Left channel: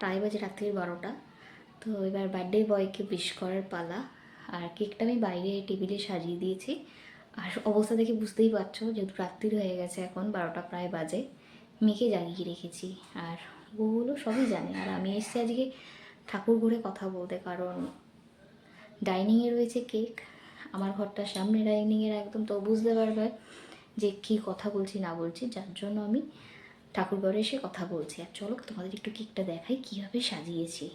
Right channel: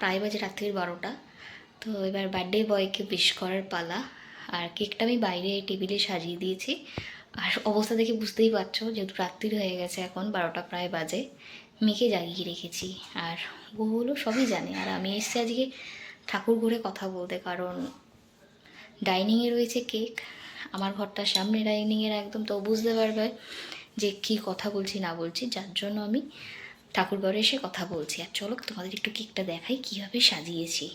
প্রায় বাজে রাত্রির 12টা। তো এবার বার্থডে বয়কে উইশ করার পালা। আর কেকটা আমি বাইরে টেবিলে সাজিয়ে দিয়েছি। আর অবস্থা দেখে বুঝতেই পারছো, যেহেতু রাত্রির হয়ে গেছে, এখন 12টা প্রায় বাজে, মেয়েকে জাগিয়ে রেখেছি। আর ওগুলো সবই জানে। আর আমি এসেছি আজকে ঠাকুর ঘরে কথা বলতে, কারণ ডাইনিংয়ে রয়েছে কেক, আমার ঘরটার সামনে ডাইনিংয়ের একদম, তো বুঝতে পারবে যে কী কথা বলছি না বলছি, যার জন্য আমি ঠাকুর ঘরে এসে কথা বলছি। আর চলো তোমাদের একটু কেকটা দেখাই কীভাবে সাজিয়েছি।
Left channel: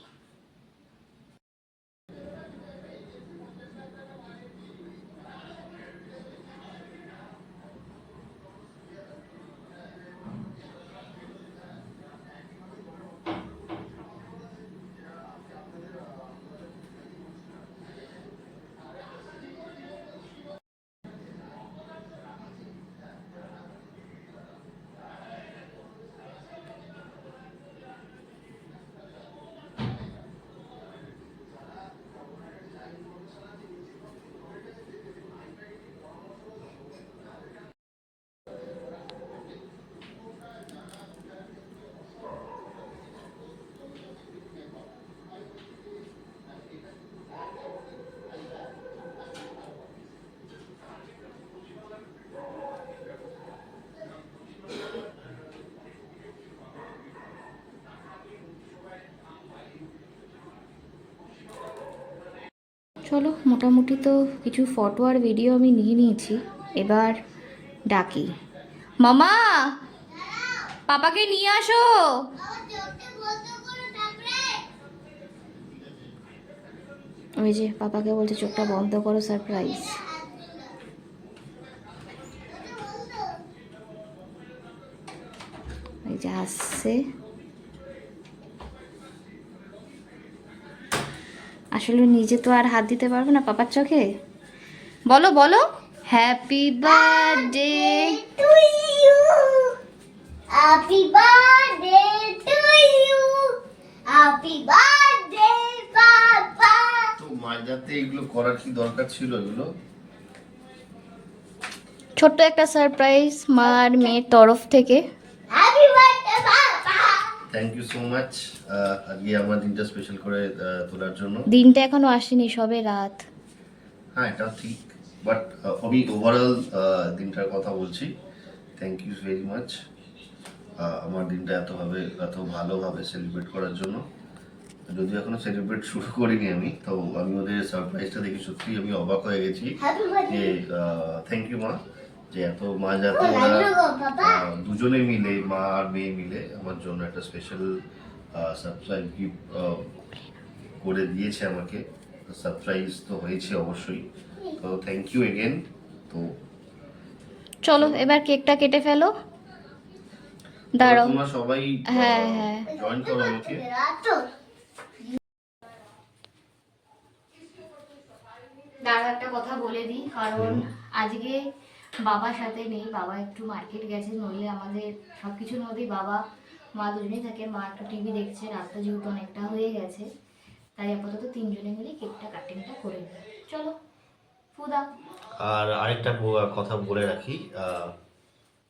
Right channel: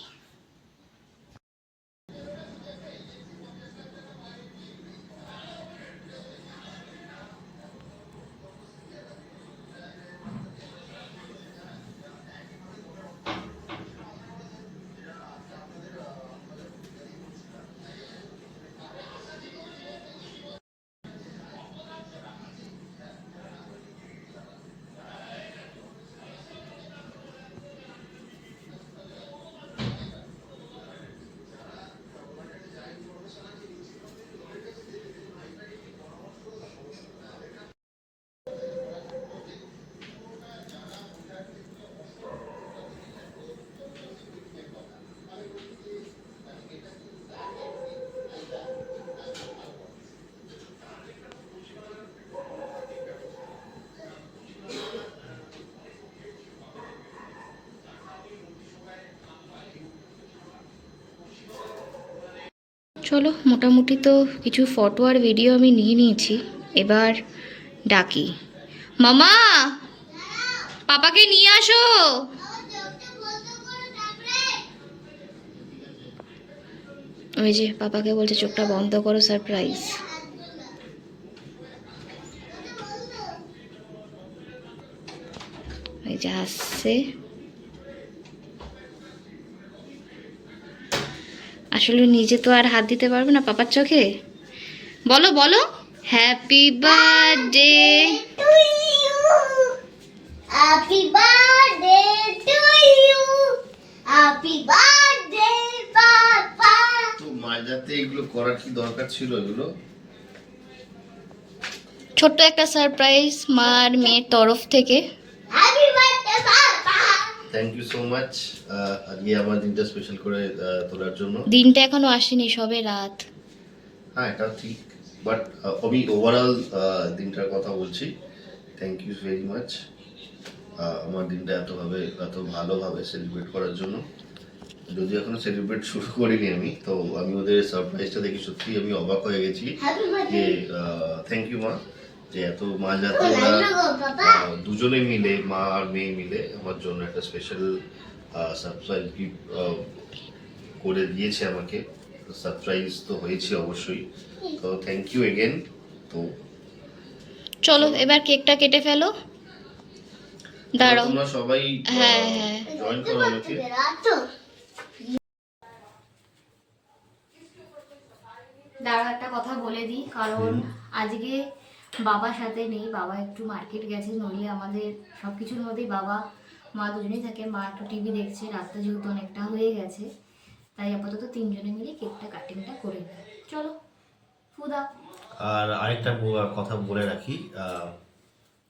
চলো, মোটামুটি তো কিছু ফটো আর ভিডিও আমি নিয়ে নিয়েছি। এবার ডাকি, মামা পাপাকে নিয়ে আসো। ওই যে পাপাকে বলছে চোখটা বন্ধ করো, সারপ্রাইজ। ওই যে আসছে। আসলে নিজে তো আর হাত দিতে পারবে না পাপার চোখে। বলো বলো, happy birthday to you, happy birthday to you, happy birthday papa. তো মাঝরাতে এগুলো করার কি দরকার ছিল? এগুলো ছোট্ট একটা সারপ্রাইজ মার মেয়ের তরফ থেকে। Happy birthday papa. Thank you so much আজকে আমার দিনটা স্পেশাল করে তোলার জন্য। দিনটা এখনো আসেনি, সবে রাত। হ্যাঁ, এটা ঠিক, বাট আমি ওভারঅল দিনটার কথা বলছি। থ্যাংক ইউ ভেরি মাচ আমার দিনটা এত ভালোভাবে সেলিব্রেট করার জন্য। যদি এখনো সেলিব্রেট শুরু করিনি আমি, তো আমি ওদের সারপ্রাইজটা দেখে সত্যি আমি অবাক হয়ে গেছি যে থ্যাংক ইউ মা, যে এত মাঝরাতে দুজনে মিলে, মা আর মেয়ে মিলে আমার জন্য একটা স্পেশাল সারপ্রাইজ গিফট করে দিয়েছে আমাকে। সারপ্রাইজ তো হয়েছে অবশ্যই, তো থ্যাংক ইউ এগেন। তো চলো এবার কেকটা কেটে ফেলো। দাঁড়াও, তোমরা সবাই হ্যাঁ হ্যাঁ জয়েন করো আমাকে। দাঁড়াও, একটা কথা বলে দিই, কারণ আজকে বাবার সাথে নেই, বাবা একটু মার্কেট গেছে, নইলে আমাদের সব কিছুর মধ্যেই বাবা মা দুজনেই থাকে। মা একটু টিভি দেখছে, রাতটা যেহেতু অনেকটা হয়ে গেছে, তাই আপাতত তিনজনে মিলে কেকটা কাটিংটা করে নিই। চলো ফুদা। আর আরেকটা কথা বলে রাখি,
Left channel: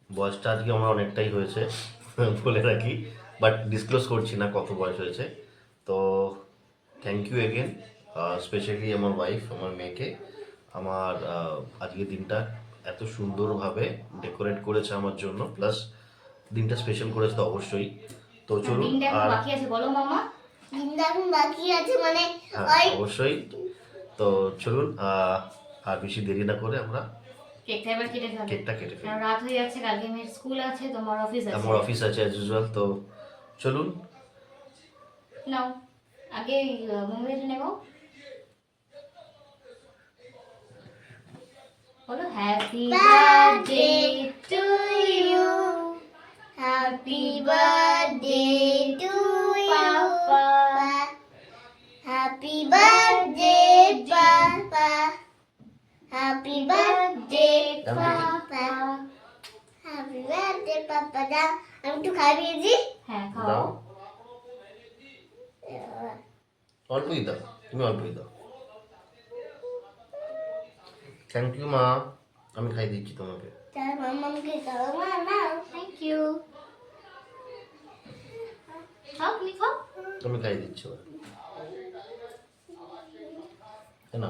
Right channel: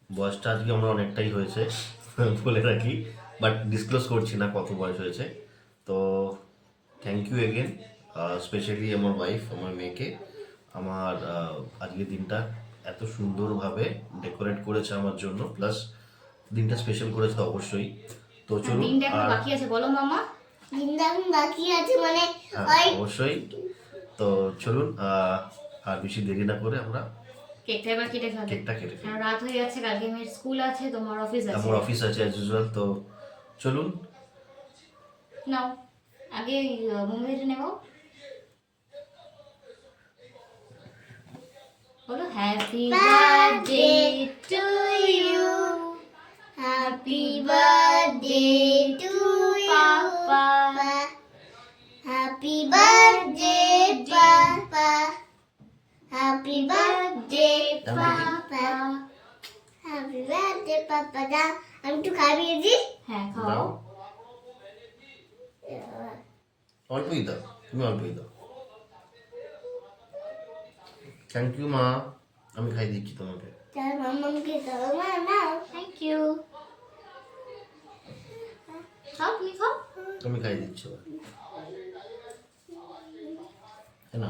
বয়সটা আজকে আমার অনেকটাই হয়েছে বলে রাখি, বাট ডিসক্লোজ করছি না কত বয়স হয়েছে। তো থ্যাংক ইউ এগেন, স্পেশালি আমার ওয়াইফ, আমার মেয়েকে, আমার আজকের দিনটা এত সুন্দরভাবে ডেকোরেট করেছে আমার জন্য, প্লাস দিনটা স্পেশাল করেছে তো অবশ্যই। তো চলুন, দিনটা এখন আর বাকি আছে, বলো মামা। দিনটা এখন বাকি আছে মানে হ্যাঁ অবশ্যই। তো চলুন, আর বেশি দেরি না করে আমরা কেকটা এবার কেটে ফেলো। কেকটা কেটে ফেলি। রাত হয়ে যাচ্ছে, কালকে মেয়ের স্কুল আছে, তোমার অফিস আছে। আমার অফিস আছে অ্যাজ ইউজুয়াল। তো চলুন, নাও আগে মোমবাতিটা নেবো। বলো happy birthday to you, happy birthday to papa, happy birthday papa, happy birthday papa, happy birthday papa. দা আমি একটু খাইয়ে দিই। হ্যাঁ খাও। অল্পই দাও, তুমি অল্পই দাও। থ্যাংক ইউ মা, আমি খাই দিচ্ছি তোমাকে। Thank you. খাও, তুমি খাও। আমি খাই দিচ্ছি এবার। না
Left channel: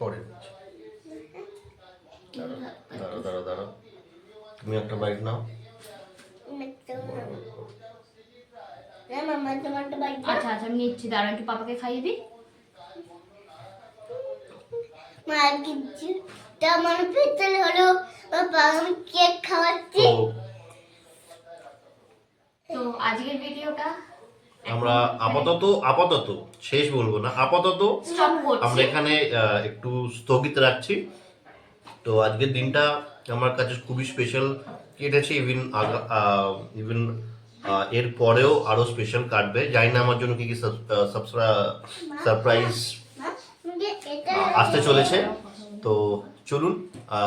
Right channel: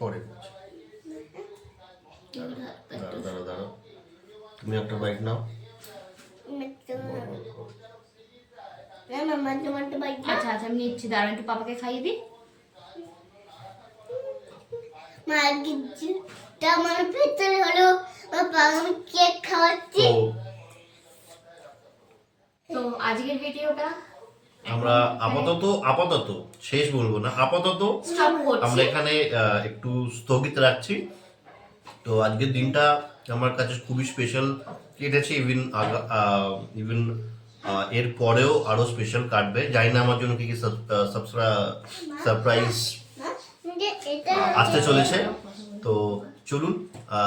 পরে দিচ্ছি। দাঁড়াও দাঁড়াও দাঁড়াও, তুমি একটা বাইট নাও। আচ্ছা আচ্ছা আমি নিচ্ছি, দাঁড়ান একটু পাপাকে খাইয়ে দিই। আমার ভেতরে হলো বাবা আমি কেক খাওয়াচ্ছি। তো তো আজকের ভিডিওটা আমরা আপাতত শেষ বলবো না, আপাতত স্টপ আমরা করছি। এখানে একটু স্থগিত রাখছি। তো আজকের দিনটা আমার কাছে খুবই স্পেশাল কেটেছে, ইভেন এর পরেও আরো স্পেশাল কাটবে। জানি না আমার জন্য কি কি সারপ্রাইজ এটা আসতে চলেছে। তো চলুন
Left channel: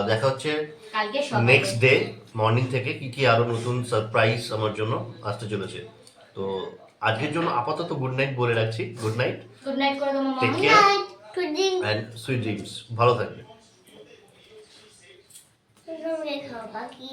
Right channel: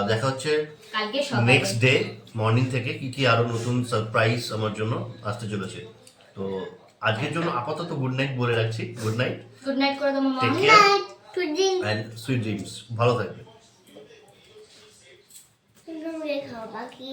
দেখা হচ্ছে কালকে সকালে নেক্সট ডে মর্নিং থেকে কি কি আরো নতুন সারপ্রাইজ আমার জন্য আসতে চলেছে। তো আজকের জন্য আপাতত গুড নাইট বলে রাখছি। গুড নাইট, গুড নাইট করে দেবো টেক মামা। Care pudding and sweet dreams. ভালো থাকবে। খাও বাকি